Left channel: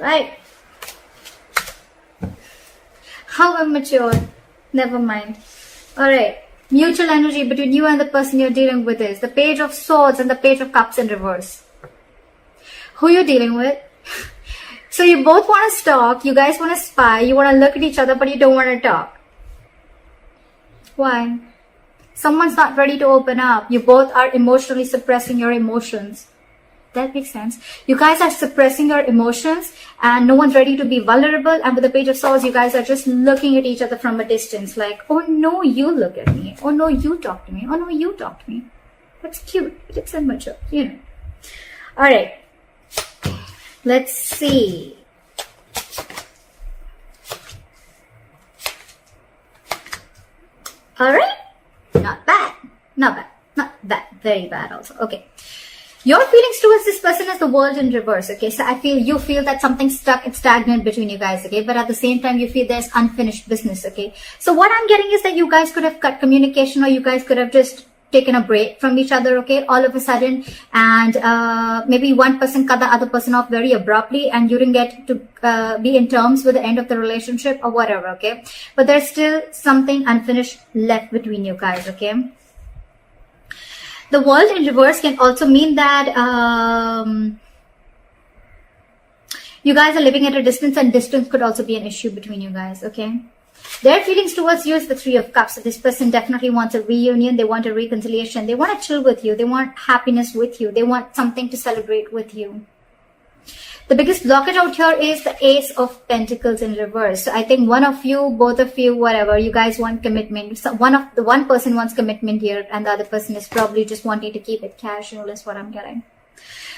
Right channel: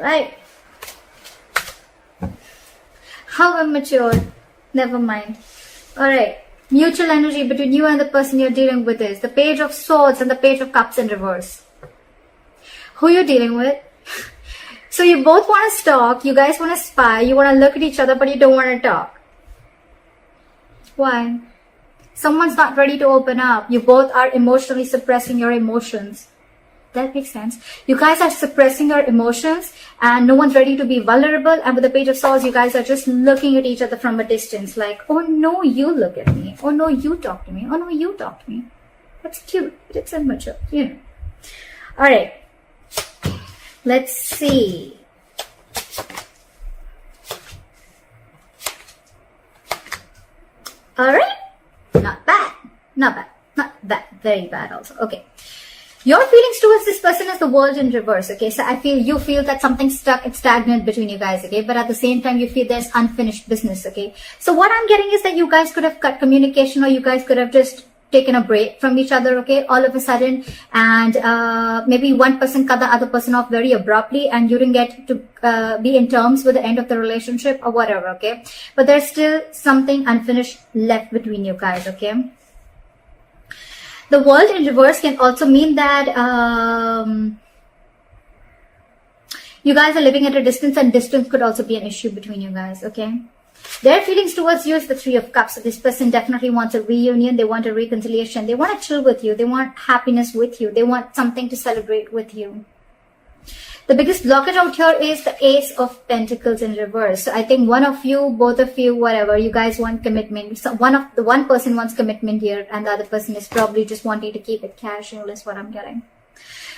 Right. How immature. Never mind. Alright. Mutual energy between you and the person you're dealing with is the Page of Swords and the Page of Cups in reverse. Who you're dealing with? So you both want to stalk, you guys want to spy, you want to look at each other, but you don't want to talk. Why? Someone's not ready to open up. You both are emotionally suppressing your emotions. That makes sense. You guys are suppressing your emotions and no one's ready to be vulnerable. And with the Page of Swords, you guys are just looking at each other from a distance like, oh no, you look at me. Oh no, you talk to me. Oh no, you talk to me. That's cute. It's immature, you know. Alright. Let's see. Alright. Not bad. Not bad. Not bad. Very bad also. Okay. Your feelings towards this person is the World in reverse, okay? So you feel that something's stuck and stagnant between you guys, okay? But at the same time, you feel there's unfinished business, okay? So what I'm getting is that you guys could have cut communication or you guys could have just taken a break from each other, okay? All of a sudden. And maybe one person cut the other person off very abruptly and you didn't get to be in terms with the end of the relationship or whatever, okay? But there's still something unfinished left between you guys, okay? The World in reverse can also mean that you guys are living at a distance and distance could also be an issue between you guys, okay? Their feelings towards you is the Three of Cups. So this person definitely wants a reunion. They want a reconciliation. They want to chill with you. They want happiness with you. They want something to celebrate with you. The biggest blockage out here is the Ace of Pentacles in reverse. So I think one of you, both of you, whatever, you guys want commitment. So one person wants commitment here and the other person is probably just wanting to keep it casual. That's what I'm getting.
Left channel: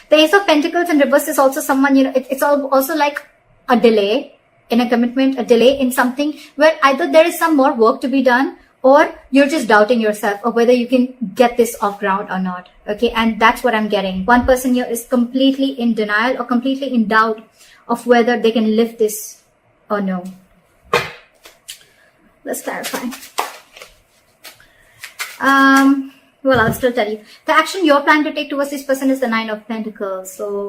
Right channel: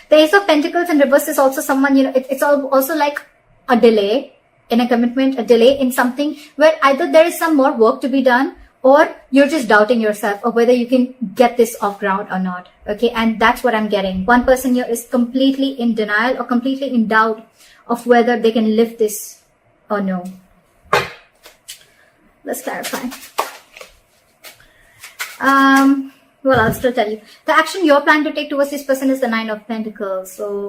The Ace of Pentacles in reverse is also someone, you know, it's also like a delay in a commitment, a delay in something where either there is some more work to be done or you're just doubting yourself of whether you can get this off ground or not. Okay, and that's what I'm getting. One person here is completely in denial or completely in doubt of whether they can lift this or no. Let's clarify. Well, I'll still tell you. The action you're planning to take towards this person is the Nine of Pentacles. So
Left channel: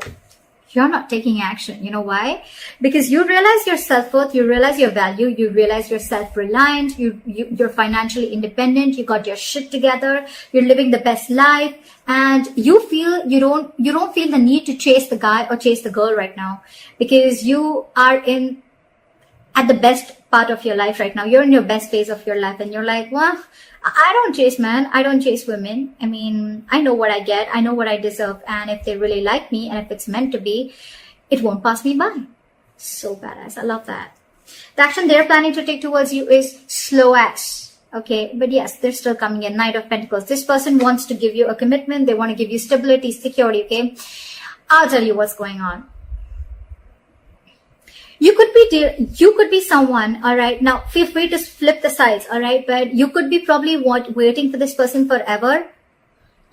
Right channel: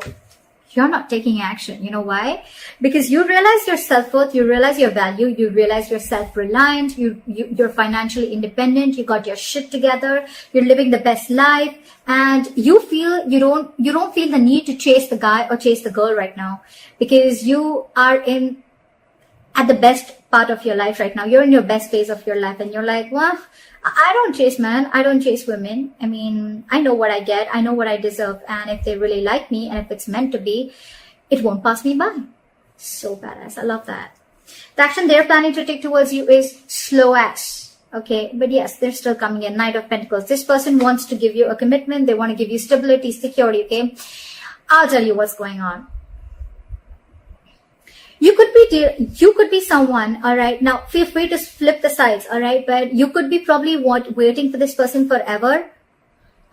you're not taking action. You know why? Because you realize your self-worth, you realize your value, you realize you're self-reliant, you're financially independent, you got your shit together, you're living the best life, and you feel you don't feel the need to chase the guy or chase the girl right now because you are at the best part of your life right now. You're in your best phase of your life and you're like, well, I don't chase men. I don't chase women. I mean, I know what I get. I know what I deserve. And if they really like me and if it's meant to be, it won't pass me by. So badass. I love that. The action they're planning to take towards you is slow ass. Okay. But yes, they're still coming in. Knight of Pentacles. This person wants to give you a commitment. They want to give you stability, security. Okay. I'll tell you what's going on. You could be someone, all right. Now, feel free to flip the sides, all right. But you could be probably waiting for this person forever,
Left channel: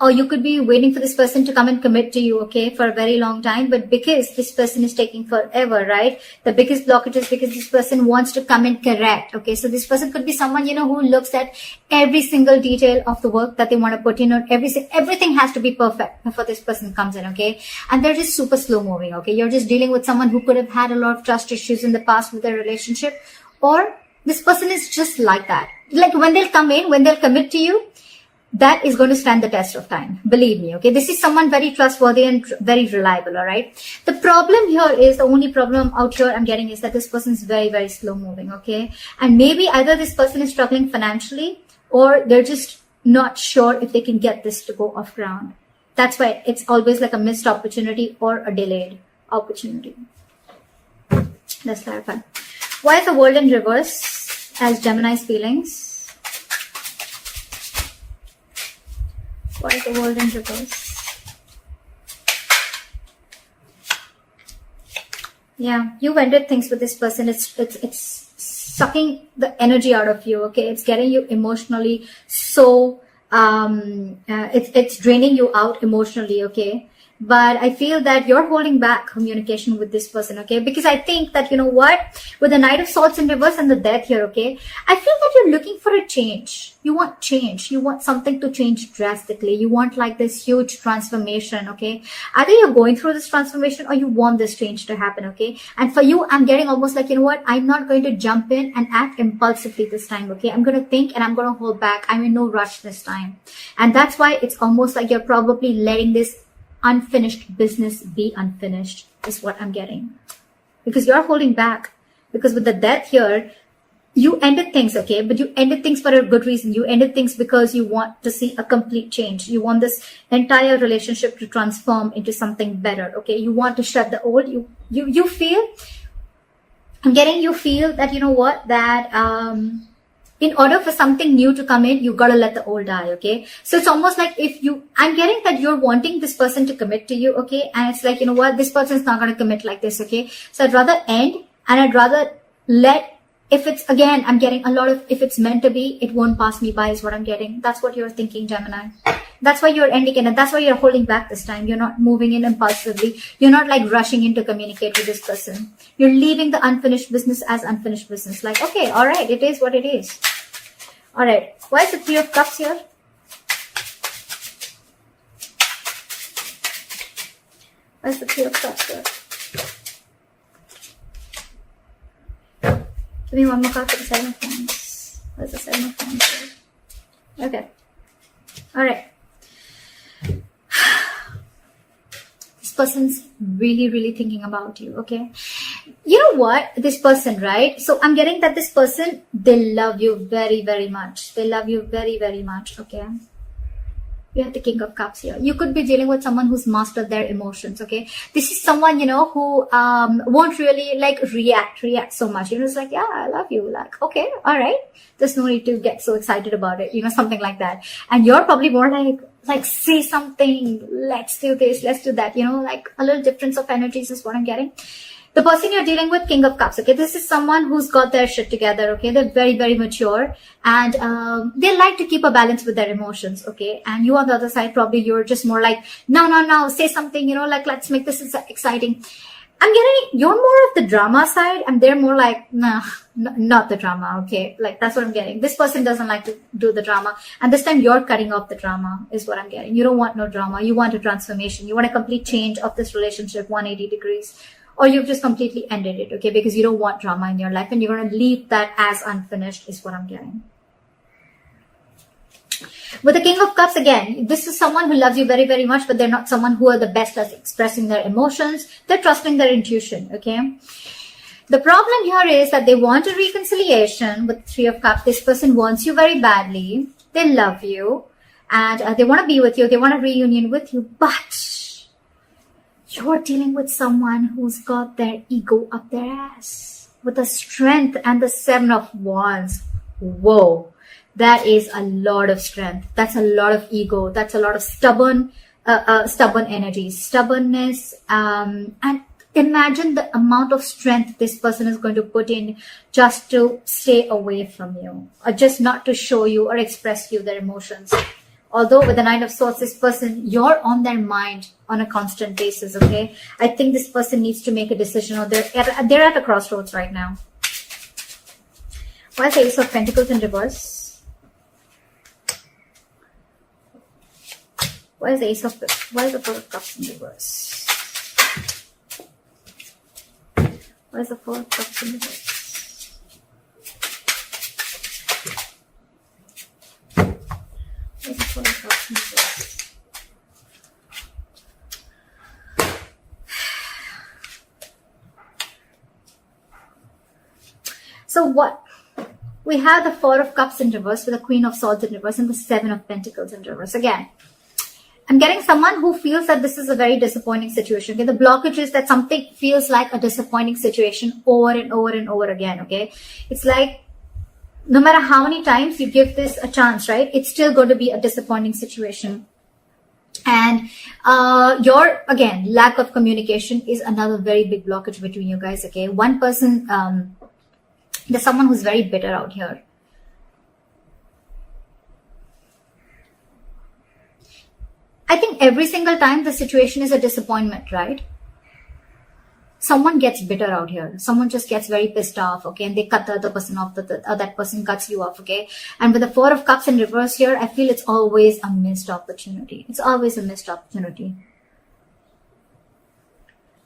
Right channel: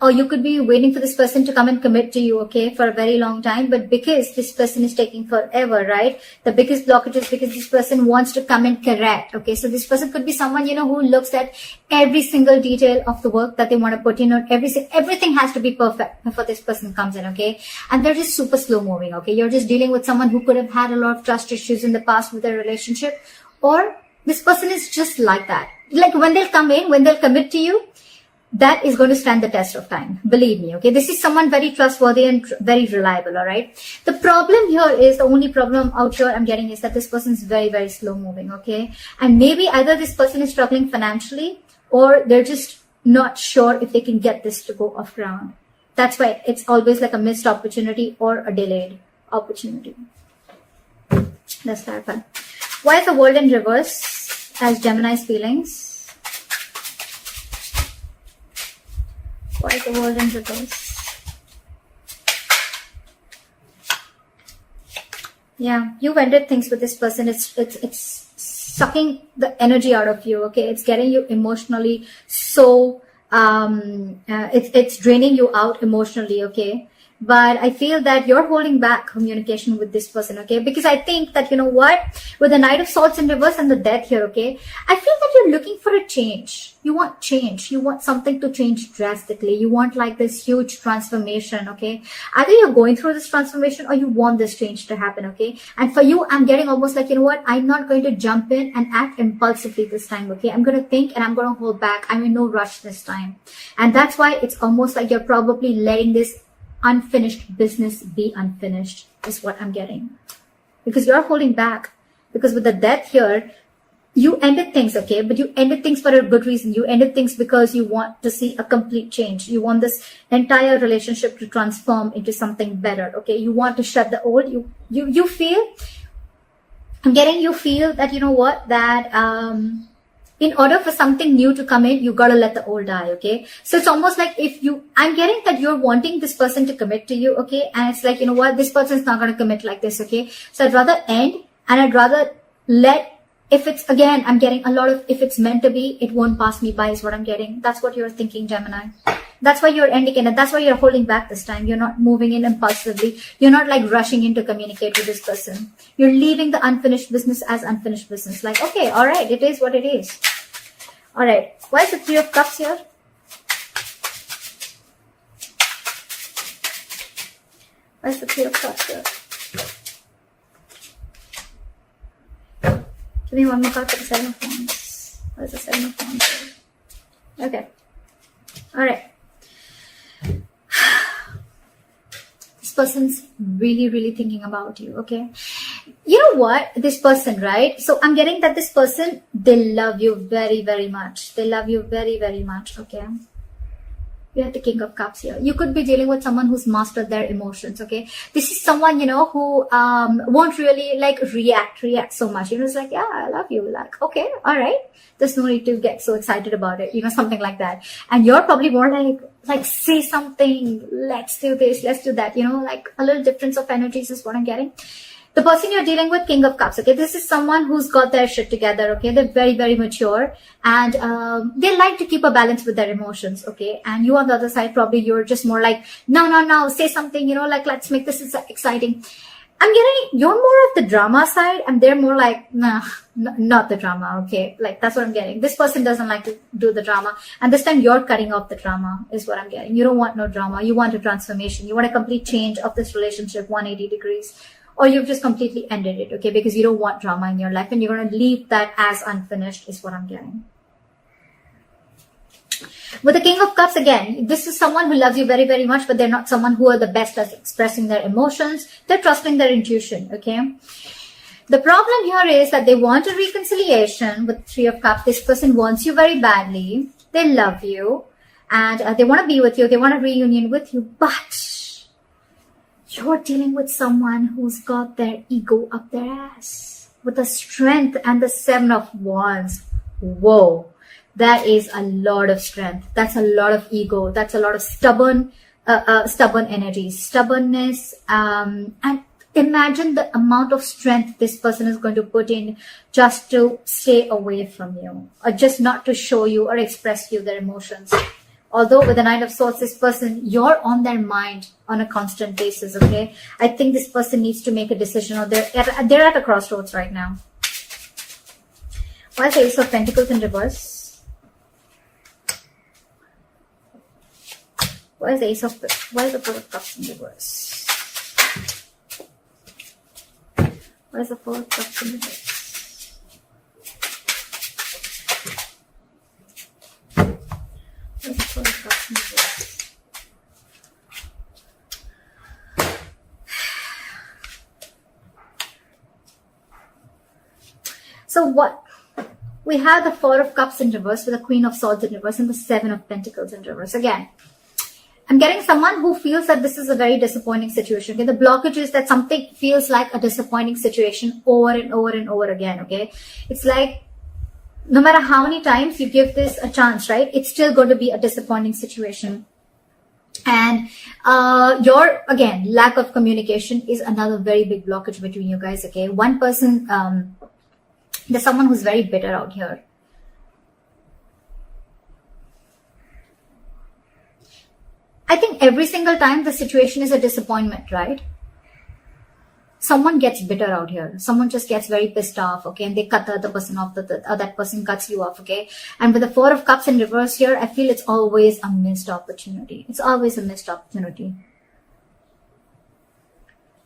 or you could be waiting for this person to come and commit to you, okay, for a very long time. But because this person is taking forever, right? The biggest blockage is because this person wants to come and correct, okay. So this person could be someone, you know, who looks at every single detail of the work that they want to put in, or everything has to be perfect before this person comes in, okay. And they're just super slow moving, okay. You're just dealing with someone who could have had a lot of trust issues in the past with their relationship, or this person is just like that. Like when they'll come in, when they'll commit to you, that is going to stand the test of time. Believe me, okay? This is someone very trustworthy and very reliable, all right? The problem here is, the only problem out here I'm getting is that this person is very, very slow moving, okay? And maybe either this person is struggling financially or they're just not sure if they can get this to go off ground. That's why it's always like a missed opportunity or a delayed opportunity. Let's clarify. Why is the World in reverse as Gemini's feelings? Why is the World in reverse? Yeah, you've ended things with this person. It's sucking the energy out of you, okay? It's getting you emotionally so, it's draining you out emotionally, okay? but I feel that you're holding back communication with this person, okay? Because I think that, you know what, with the Knight of Swords in reverse and the Death here, okay, I feel that you're looking for a change. You want change. You want something to change drastically. You want like this huge transformation, okay? I think you're going through this transformation, or you want this change to happen, okay? And for you, I'm getting almost like, you know what, I'm not going to jump in and act impulsively this time, okay? I'm going to think and I'm going to hold back. I'm in no rush this time. And that's why it's almost like you're probably letting this unfinished business be unfinished, is what I'm getting. Because you're holding back. Because with the Death here, you ended things, okay? But you ended things for a good reason. You ended things because you want to see a complete change. You want this entire relationship to transform into something better, okay? You want to shut the old. You feel, I'm getting, you feel that, you know what, that in order for something new to come in, you gotta let the old die, okay? So it's almost like I'm getting that you're wanting this person to commit to you, okay? And it's like, you know what, this person's not gonna commit like this, okay? So I'd rather end, and I'd rather if it's, again, I'm getting a lot of, if it's meant to be, it won't pass me by, is what I'm getting. That's what you're thinking, Gemini. That's why you're ending it, and that's why you're holding back this time. You're not moving in impulsively. You're not like rushing in to communicate with this person. You're leaving the unfinished business as unfinished business. Like, okay, all right, it is what it is. All right, why is the Three of Cups here? Why is the Three of Cups here? Give me one more card for the Seven of Wands. What is the Seven of Wands? Okay. All right. This person's really, really thinking about you, okay? You know what? This person, right? So I'm getting that this person, they love you very, very much. They love you very, very much, okay? We have the King of Cups here. You could be dealing with someone who's mastered their emotions, okay? This is someone, you know, who won't really like react so much. You know, it's like, yeah, I love you. Like, okay, all right. There's no need to get so excited about it, you know, something like that. And you're probably more like see something, let's do this, let's do that, you know, like a little difference of energies is what I'm getting. The person you're dealing with, King of Cups, okay? This is someone who's got their shit together, okay? They're very, very mature, and they like to keep a balance with their emotions, okay? And you on the other side, probably you're just more like, no, say something, you know, like, let's make this exciting. I'm getting, you're more of the drama side, and they're more like, nah, not the drama, okay? Like, that's what I'm getting. This person doesn't like to do the drama, and this time you're cutting off the drama, is what I'm getting. You don't want no drama. You want a transformation. You want a complete change of this relationship, 180 degrees. Or you've just completely ended it, okay? Because you don't want drama in your life, and you're going to leave that as unfinished, is what I'm getting. With the King of Cups, again, this is someone who loves you very, very much, but they're not someone who are the best at expressing their emotions. They're trusting their intuition, okay? The problem here is that they want a reconciliation with Three of Cups. This person wants you very badly. They love you, and they want to be with you. They want a reunion with you, but you're dealing with someone who's got their ego up their ass with the Strength and the Seven of Wands. Whoa, that is a lot of strength. That's a lot of ego. That's a lot of stubborn energy, stubbornness. And imagine the amount of strength this person is going to put in just to stay away from you, or just not to show you or express you their emotions. Although with the Nine of Swords, this person, you're on their mind on a constant basis, okay? I think this person needs to make a decision, or they're at the crossroads right now. Why is the Ace of Pentacles in reverse? Why is the Four of Cups in reverse? Why is the Four of Cups in reverse? So what? We have the Four of Cups in reverse with the Queen of Swords in reverse and the Seven of Pentacles in reverse. Again, I'm getting someone who feels that this is a very disappointing situation. Okay? The blockage is that something feels like a disappointing situation over and over and over again. Okay, it's like no matter how many times you give this a chance, right? It's still going to be a disappointing situation. And your, again, lack of communication is another very big blockage between you guys. Okay, one person. There's someone who's very bitter out here. I think every single time the situation is a disappointment, right? Someone gets bitter out here. Someone just gets very pissed off, okay? And they cut the other person off, that person cuts you off, okay? And with the Four of Cups in reverse here, I feel it's always a missed opportunity. It's always a missed opportunity.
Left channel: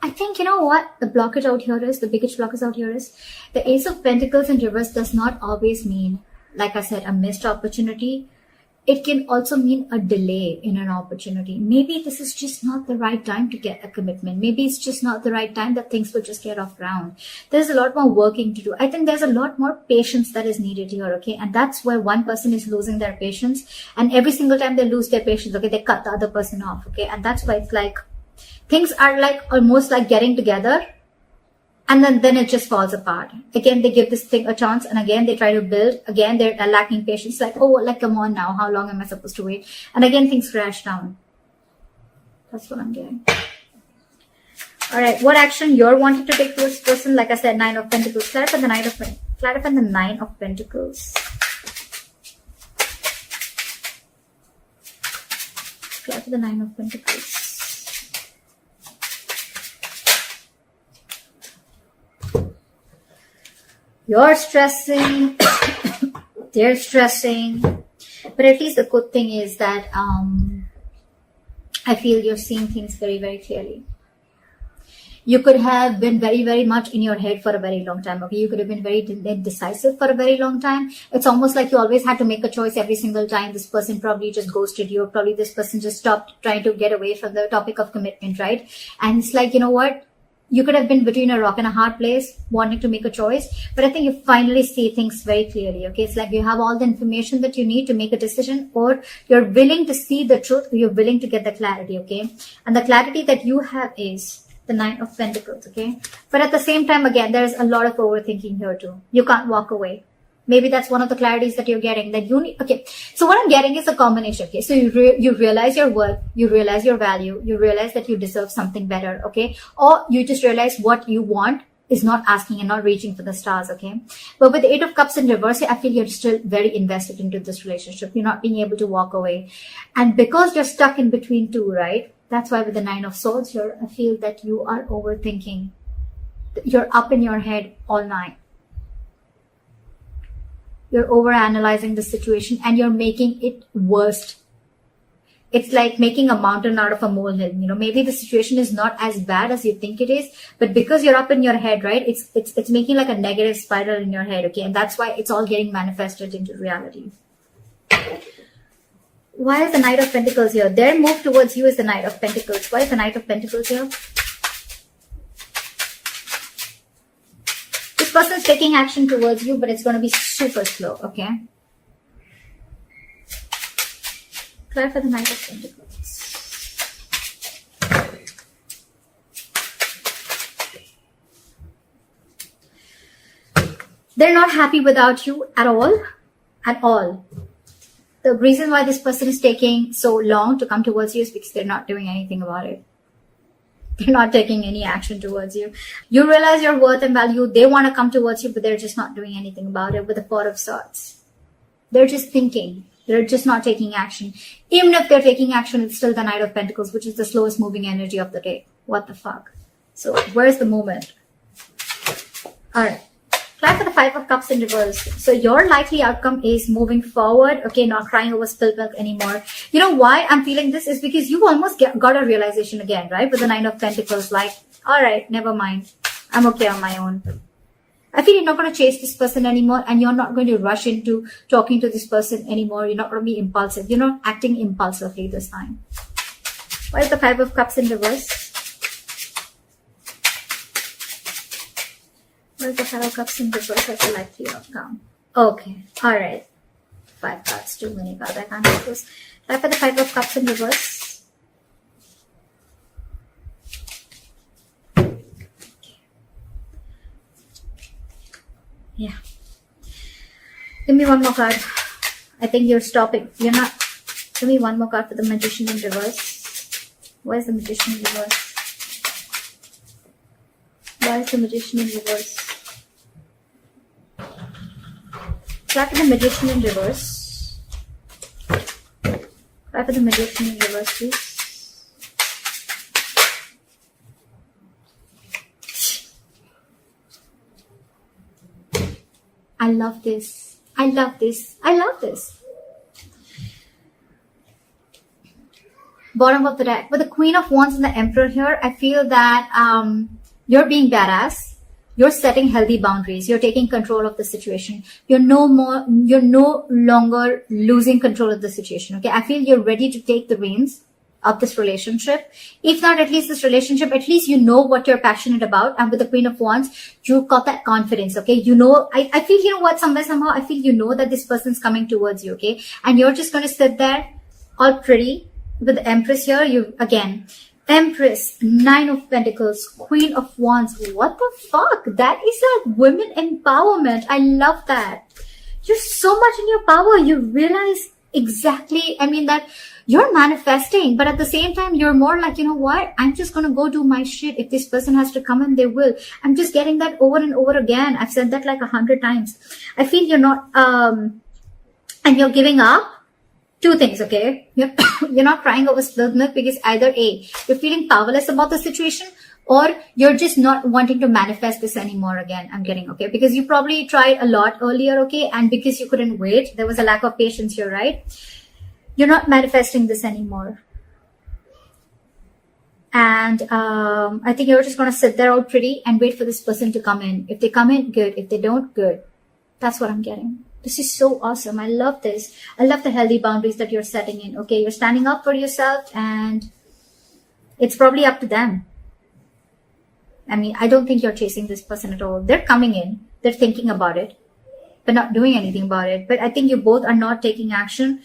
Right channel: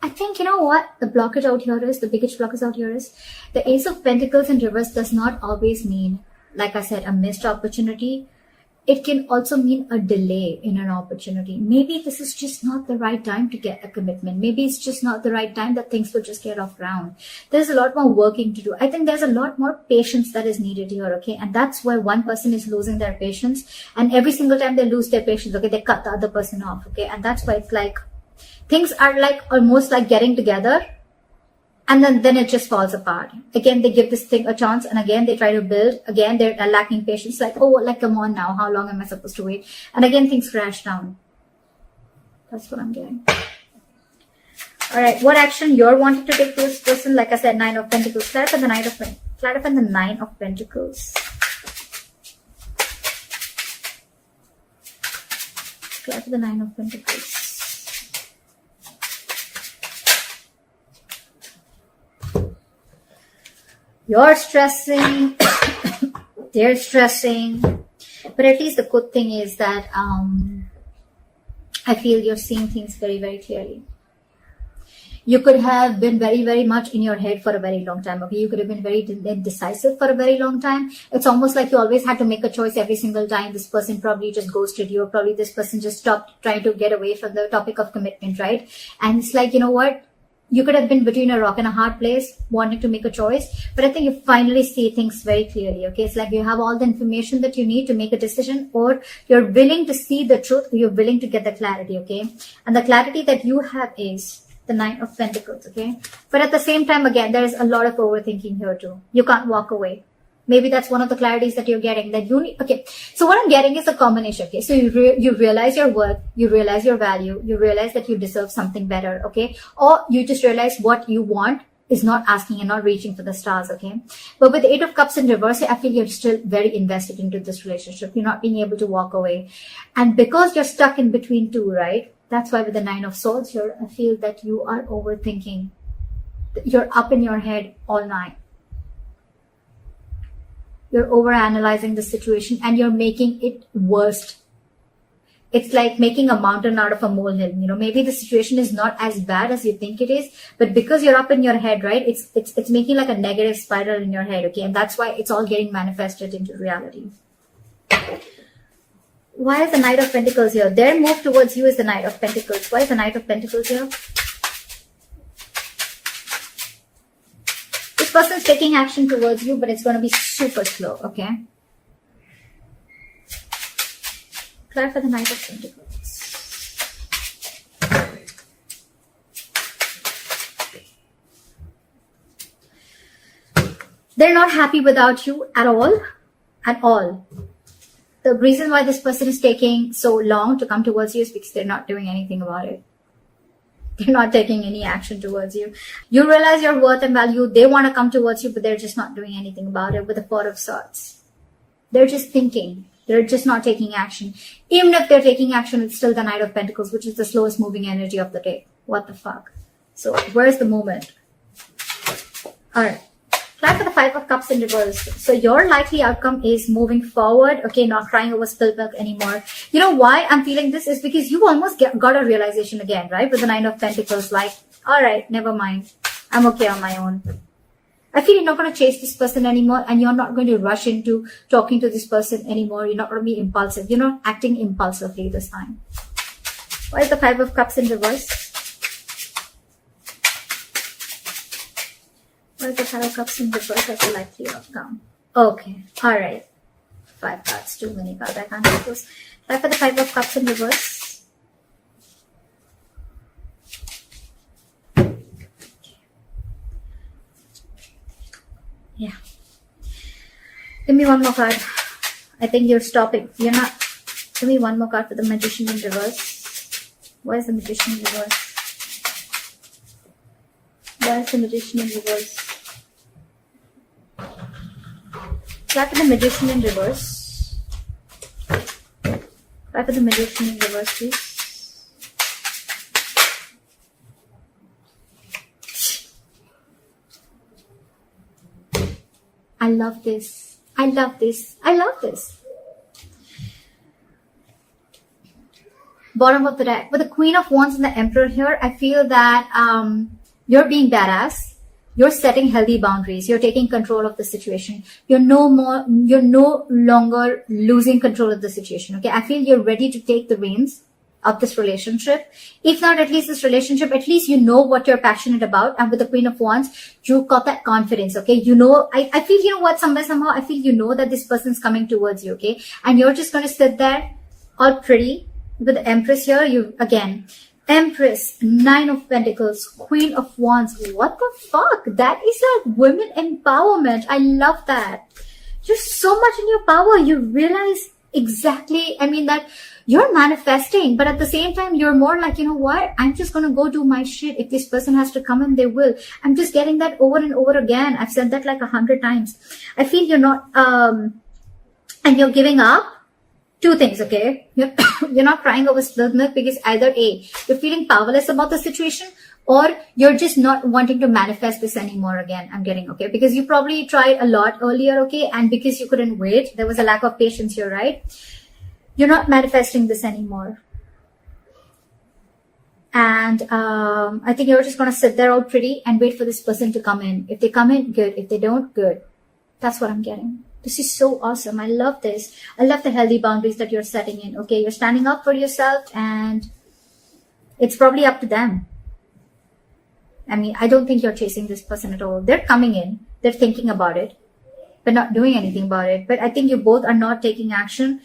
I think, you know what the blockage out here is, the biggest blockage out here is, the Ace of Pentacles in reverse does not always mean, like I said, a missed opportunity. It can also mean a delay in an opportunity. Maybe this is just not the right time to get a commitment. Maybe it's just not the right time that things will just get off ground. There's a lot more working to do. I think there's a lot more patience that is needed here, okay? And that's where one person is losing their patience. And every single time they lose their patience, okay, they cut the other person off, okay? And that's why it's like, things are like almost like getting together. And then it just falls apart. Again, they give this thing a chance, and again, they try to build. Again, they're lacking patience. Like, oh, like, come on now. How long am I supposed to wait? And again, things crash down. That's what I'm getting. All right, what action you're wanting to take towards this person? Like I said, Nine of Pentacles. Clarify the Nine of Pentacles. Clarify the Nine of Pentacles. Clarify the Nine of Pentacles. You're stressing, they're stressing, but at least the good thing is that I feel you're seeing things very, very clearly. You could have been very, very much in your head for a very long time. Okay, you could have been very indecisive for a very long time. It's almost like you always had to make a choice every single time. This person probably just ghosted you, or probably this person just stopped trying to get away from the topic of commitment, right? And it's like, you know what? You could have been between a rock and a hard place, wanting to make a choice, but I think you finally see things very clearly, okay? It's like you have all the information that you need to make a decision, or you're willing to see the truth, or you're willing to get the clarity, okay? And the clarity that you have is the Nine of Pentacles, okay? But at the same time, again, there's a lot of overthinking here too. You can't walk away. Maybe that's one of the clarities that you're getting, that you need. Okay, so what I'm getting is a combination, okay? So you realize your worth, you realize your value, you realize that you deserve something better, okay? Or you just realize what you want is not asking and not reaching for the stars, okay? But with the Eight of Cups in reverse, I feel you're still very invested into this relationship. You're not being able to walk away. And because you're stuck in between two, right? That's why with the Nine of Swords here, I feel that you are overthinking. You're up in your head all night. You're overanalyzing the situation and you're making it worse. It's like making a mountain out of a molehill. You know, maybe the situation is not as bad as you think it is, but because you're up in your head, right? It's making like a negative spiral in your head, okay? And that's why it's all getting manifested into reality. Why is the Knight of Pentacles here? Their move towards you is the Knight of Pentacles. Why is the Knight of Pentacles here? This person's taking action towards you, but it's going to be super slow, okay? Try for the Knight of Pentacles. They're not happy without you at all. At all. The reason why this person is taking so long to come towards you is because they're not doing anything about it. They're not taking any action towards you. You realize your worth and value. They want to come towards you, but they're just not doing anything about it with the Four of Swords. They're just thinking. They're just not taking action. Even if they're taking action, it's still the Knight of Pentacles, which is the slowest moving energy of the day. What the fuck? So, where's the movement? Alright. Time for the Five of Cups in reverse. So, your likely outcome is moving forward. Okay, not crying over spilled milk anymore. You know why I'm feeling this is because you almost got a realization again, right? With the Nine of Pentacles. Like, alright, never mind. I'm okay on my own. I feel you're not going to chase this person anymore, and you're not going to rush into talking to this person anymore. You're not going to be impulsive. You're not acting impulsively this time. Why is the Five of Cups in reverse? Why is the Five of Cups in reverse? That's likely outcome. Okay. Alright. 5 cards. Too many cards. I can't do this. Why for the Five of Cups in reverse? Yeah. Give me one more card. I think you're stopping. You're not. Give me one more card for the Magician in reverse. Why is the Magician in reverse? Why is the Magician in reverse? Try for the Magician in reverse. Try for the Magician in reverse, please. I love this. I love this. I love this. Bottom of the deck. With the Queen of Wands and the Emperor here, I feel that you're being badass. You're setting healthy boundaries. You're taking control of the situation. You're no longer losing control of the situation. Okay. I feel you're ready to take the reins of this relationship. If not at least this relationship, at least you know what you're passionate about. And with the Queen of Wands, you've got that confidence. Okay. You know, I feel, you know what, somehow, I feel you know that this person's coming towards you. Okay. And you're just going to sit there all pretty with the Empress here. You, again, Empress, Nine of Pentacles, Queen of Wands. What the fuck? That is a women empowerment. I love that. You're so much in your power. You realize exactly, I mean, that you're manifesting, but at the same time, you're more like, you know what? I'm just going to go do my shit. If this person has to come in, they will. I'm just getting that over and over again. I've said that like 100 times. I feel you're not, and you're giving up. Two things, okay? You're not crying over spilled milk because either A, you're feeling powerless about the situation, or you're just not wanting to manifest this anymore again. I'm getting, okay? Because you probably tried a lot earlier, okay? And because you couldn't wait, there was a lack of patience here, right? You're not manifesting this anymore. And I think you're just going to sit there all pretty and wait for this person to come in. If they come in, good. If they don't, good. That's what I'm getting. This is so awesome. I love this. I love the healthy boundaries that you're setting in. Okay, you're standing up for yourself and it's probably up to them. I mean, I don't think you're chasing this person at all. They're coming in. They're thinking about it. They're not doing anything about it. But I think you both are not taking action.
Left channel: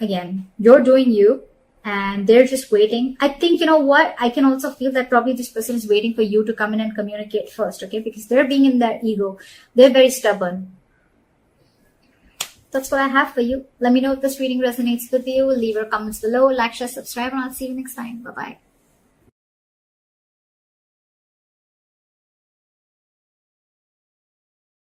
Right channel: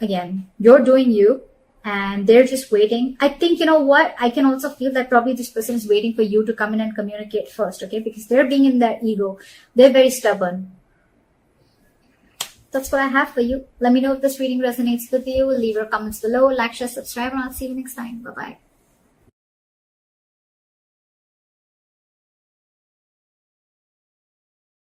Again, you're doing you and they're just waiting. I think, you know what? I can also feel that probably this person is waiting for you to come in and communicate first. Okay, because they're being in their ego. They're very stubborn. That's what I have for you. Let me know if this reading resonates with you. Leave your comments below, like, share, subscribe, and I'll see you next time. Bye-bye.